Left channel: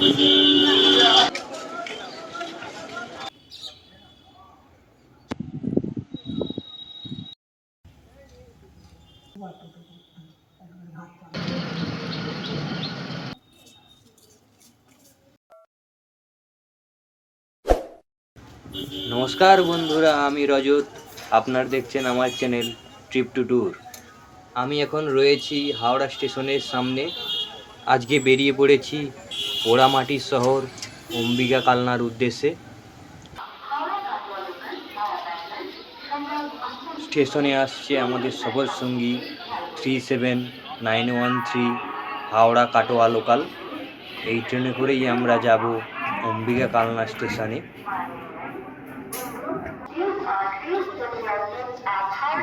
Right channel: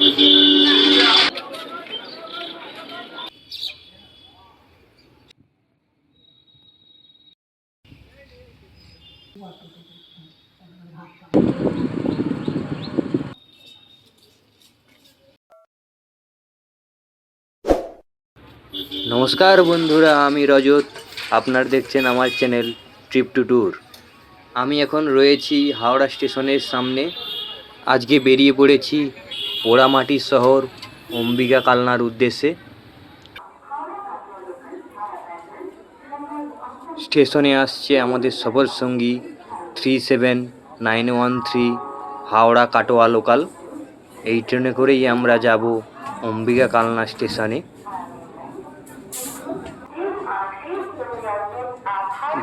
নমস্কার বন্ধুরা, আমি রজত। আপনারা দেখছেন আমার চ্যানেল ট্রিপ টু ট্যুর। আমি এখন রয়েছি হাওড়া স্টেশনের সামনে। আজকে বেরিয়ে পড়েছি পোড়ামাটির শহর অম্বিকা কালনার উদ্দেশ্যে। স্টেশনে আসছে আমাদের সফর সঙ্গী 37913 হাওড়া কাটোয়া লোকাল। এই ট্রেনে করেই আমরা যাব অম্বিকা কালনা স্টেশনে।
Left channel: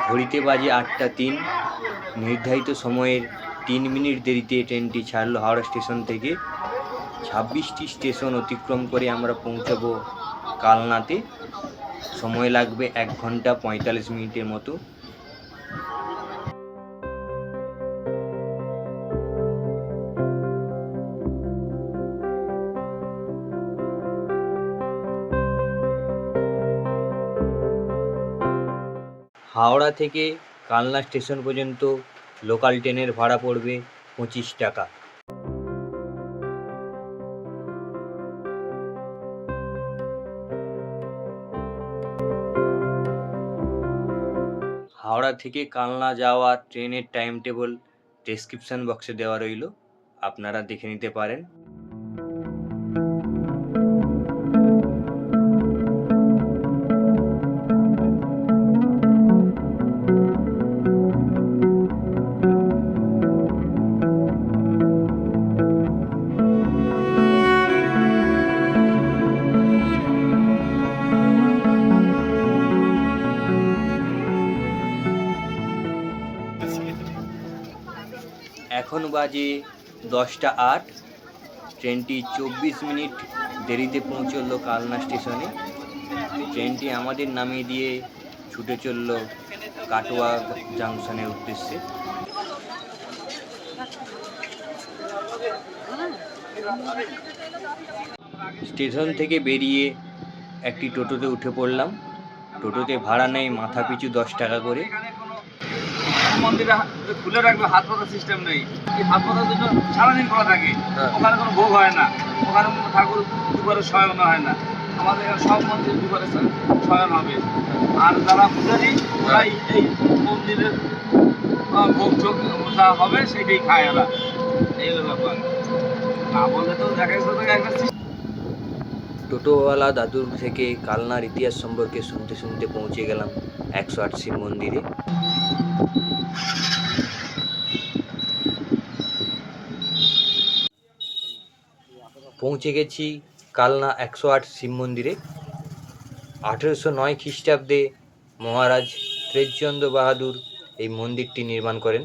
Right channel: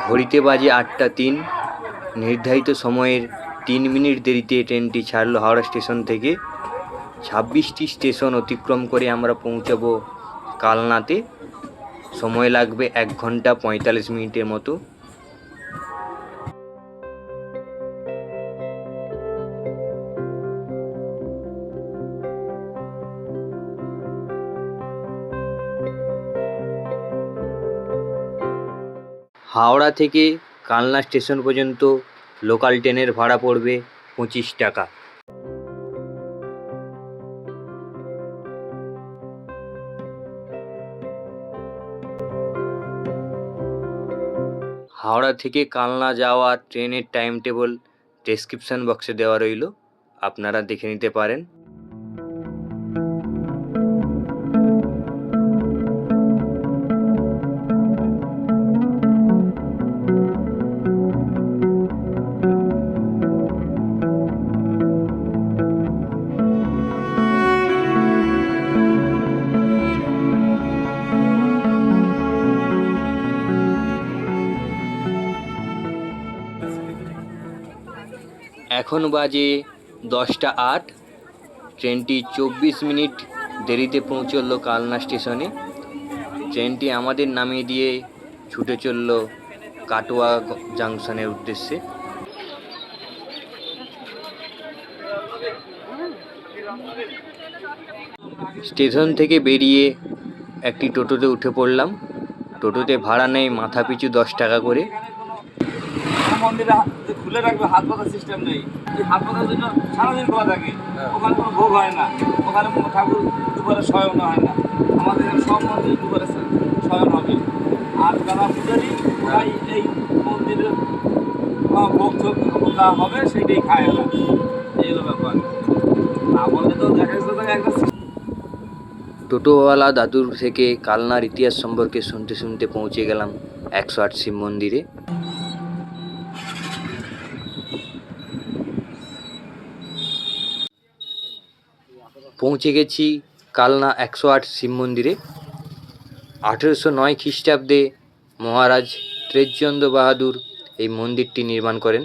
ঘড়িতে বাজে 8টা 3। নির্ধারিত সময়ের 3 মিনিট দেরিতে ট্রেনটি ছাড়লো হাওড়া স্টেশন থেকে। 26টি স্টেশন অতিক্রম করে আমরা পৌঁছাবো কালনাতে। সময় লাগবে 1 ঘন্টা 45 মিনিটের মতো। হাওড়া থেকে কালনা স্টেশন পর্যন্ত লোকাল ট্রেনের ভাড়া পড়বে 25 টাকা। হাওড়া থেকে কালনা যাওয়ার ট্রেনের টাইম টেবল ডেসক্রিপশন বক্সে দেওয়া রইল, আপনারা দেখে নিতে পারেন। এখন বাজে 10টা 8। ট্রেনটি 24 মিনিট দেরিতে পৌঁছলো কালনা স্টেশনে। ট্রেনটি আমাদের নামিয়ে দিয়ে ছুটে চলল কাটোয়া জাংশনের উদ্দেশ্যে। স্টেশন থেকে বেরিয়ে একটি টোটোতে উঠে পড়লাম। টোটোতে ভাড়া নেয় মাথাপিছু 10 টাকা করে। মন্দিরে খুলে রাখবে, হাত পাতার সিস্টেম নেই। এই হাত পাতার জন্য সারাদিন খোলা থাকে। ওখানে কোনো ভোগ হয় না, ওখানে ঠাকুর দুপুরে শয়ন হয় না। আমাদের এখানে সব মন্দিরে দুপুরে শয়ন হবে। আর যারা পূজারী ওরাই এই মন্দিরের ভোগ চোখ যা হবে সেটাই খায় ওরা। এই হলো ব্যাপার। না বললে তো দেখা যাচ্ছে একটা। টোটোওয়ালা দাদুর থেকে কালনার ইতিহাস সম্পর্কে শুনতে শুনতে পৌঁছে গেলাম 108 শিব মন্দিরে। পৌঁছে গেছি কালনা 108 শিব মন্দিরে। 1809 খ্রিস্টাব্দে মহারাজ ত্রিচন্দ্র বাহাদুর এই মন্দিরটি নির্মাণ করেন।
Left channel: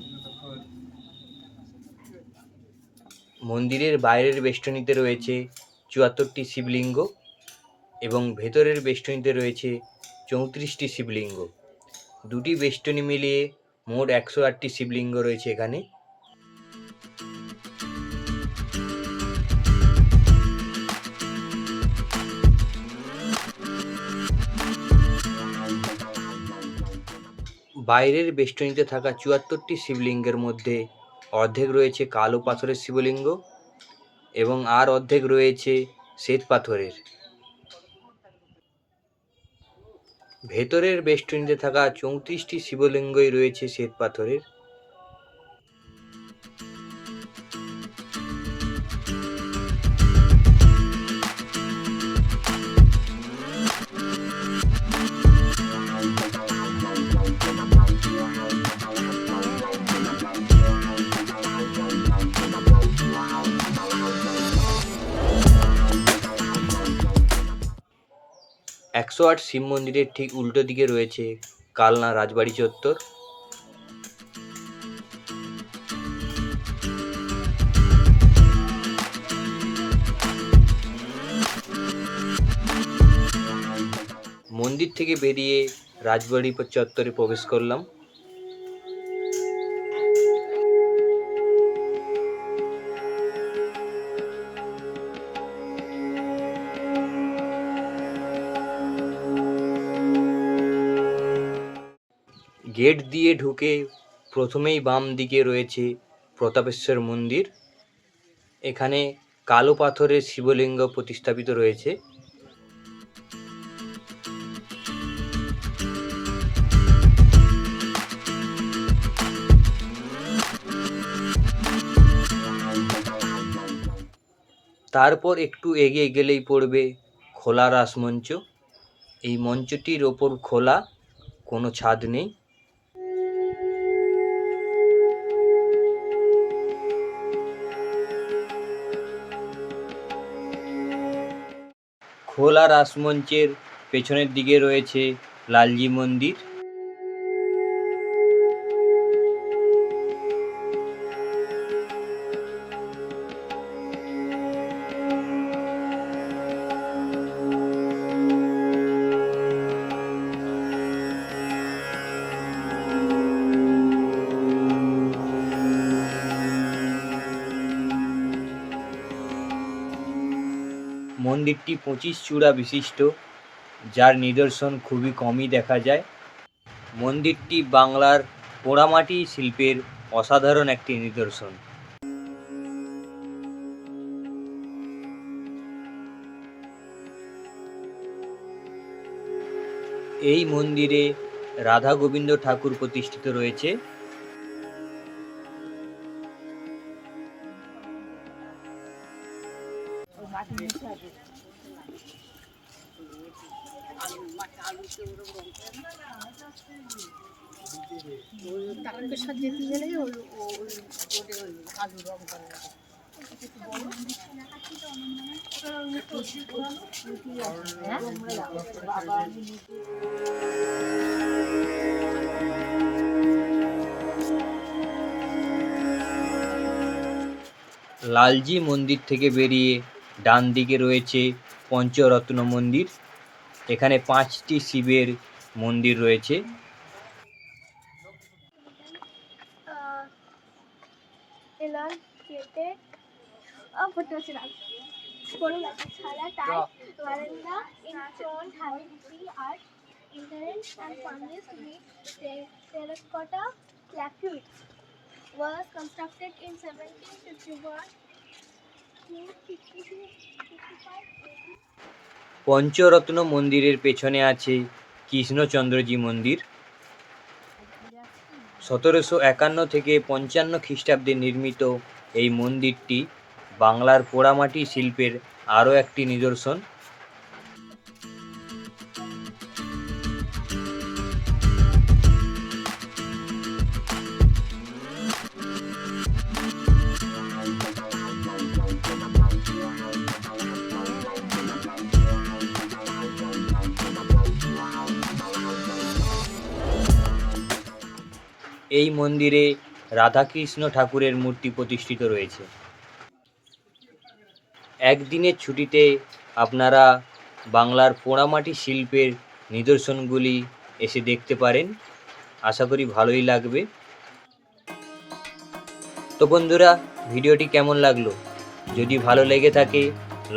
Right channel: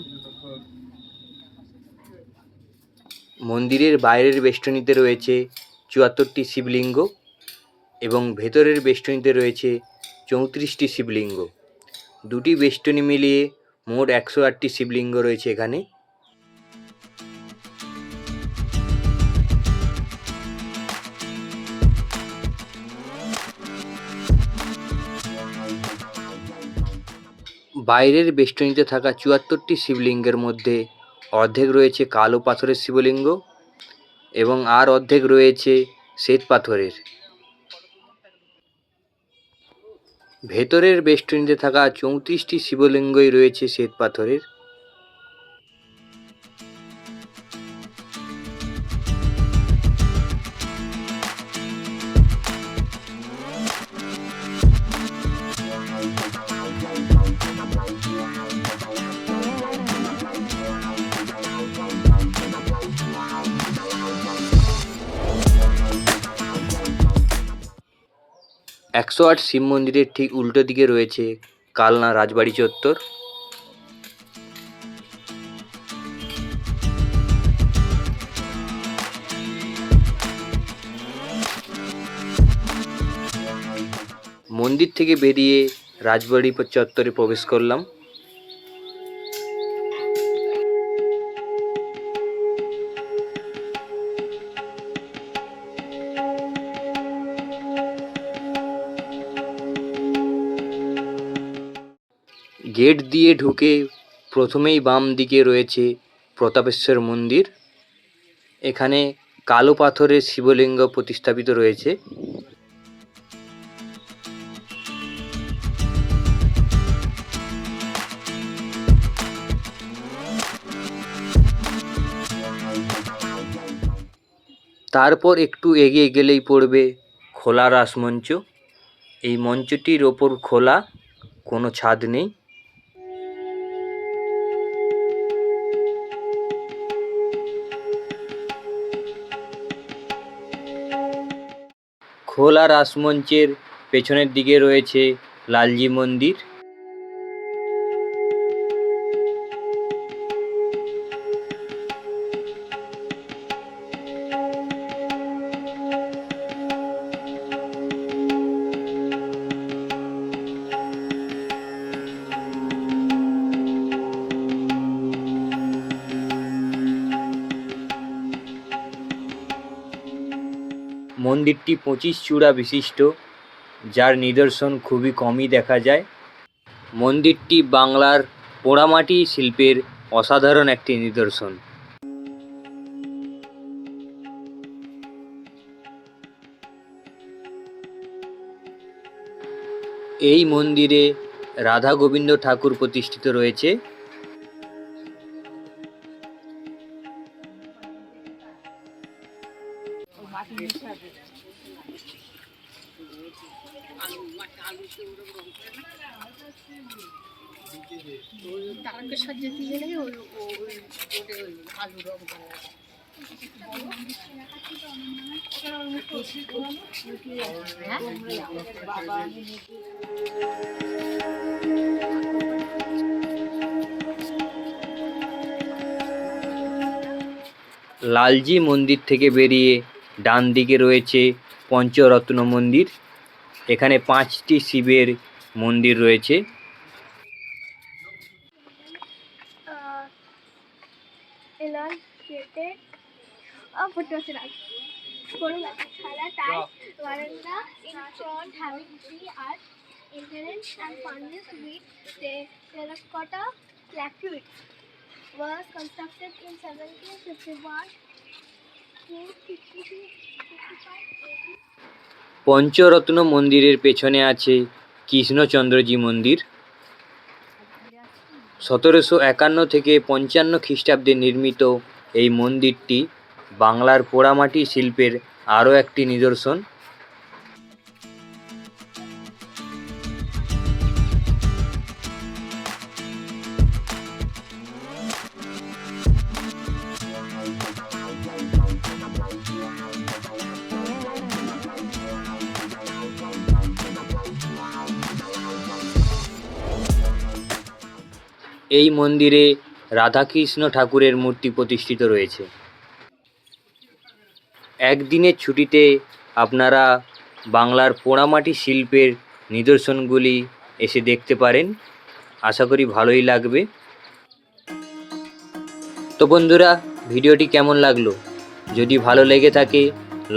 মন্দিরের বাইরের বেষ্টনীতে রয়েছে 74টি শিবলিঙ্গ এবং ভেতরের বেষ্টনীতে রয়েছে 34টি শিবলিঙ্গ। দুটি বেষ্টনী মিলিয়ে মোট 108টি শিবলিঙ্গ রয়েছে এখানে। বাইরের বেষ্টনীতে থাকা 74টি শিবলিঙ্গের মধ্যে অর্ধেক রয়েছে কালো পাথরের শিবলিঙ্গ এবং আর অর্ধেক রয়েছে শ্বেত পাথরের। ভেতরের বেষ্টনীতে থাকা 34টি শিবলিঙ্গই রয়েছে শ্বেত পাথরের। একশো আট শিব মন্দিরের ঠিক উল্টো দিকে রয়েছে কালনা রাজবাড়ি চত্বর। মন্দির থেকে বেরিয়ে রাজবাড়ি চত্বরে প্রবেশ করলাম। গেট দিয়ে ঢুকে প্রথমেই বাম দিকে রয়েছে প্রতাপেশ্বর মন্দির। এখানে কালো পাথরের শিবলিঙ্গ প্রতিস্থাপিত রয়েছে। তারপর একটু এগিয়ে গেলেই পড়বে খোলা রাসমঞ্চ। এই মঞ্চটির ওপর খোলা, কোনো ছাদ নেই। খোলা রাসমঞ্চের পেছনের দিকে রয়েছে লালজি মন্দির। মন্দিরটি 25 চূড়া বিশিষ্ট, যার নিদর্শন খুবই কমই দেখা যায়। মন্দিরটি বাংলার পোড়ামাটি শিল্পের অসাধারণ একটি নিদর্শন। এই মন্দিরে রাধা গোবিন্দ ঠাকুর প্রতিষ্ঠিত রয়েছে। তারকেশ্বর যেতে গেলে আলু রং করা লালজি মন্দির থেকে বেরিয়ে ডান দিকে রয়েছে পঞ্চরত্ন মন্দির। এখানে 5টি শিবের মন্দির রয়েছে। elongated veranda in front having 3 arcs, entrance and furnace with terracotta plaques. Was constructed in 1751 to 55 Pancharatna মন্দিরের পেছনে আছে কৃষ্ণচন্দ্রজি মন্দির। 1751 থেকে 55 খ্রিস্টাব্দে নির্মিত এই মন্দিরটি বাংলার পোড়ামাটি শিল্পের আরও একটি নিদর্শন। এই মন্দিরে রাধাকৃষ্ণ ঠাকুরের মূর্তি প্রতিষ্ঠিত রয়েছে। একদিনের ছুটিতে আপনারা বাংলার পোড়ামাটি শিল্পের নিদর্শনগুলি এসে দেখতে পারেন। আশা করি ভালোই লাগবে। তো বন্ধুরা, ভিডিওটি কেমন লাগলো? যদি ভালো লেগে থাকে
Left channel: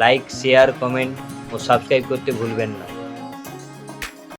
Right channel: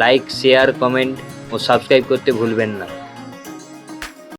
লাইক, শেয়ার, কমেন্ট ও সাবস্ক্রাইব করতে ভুলবেন না।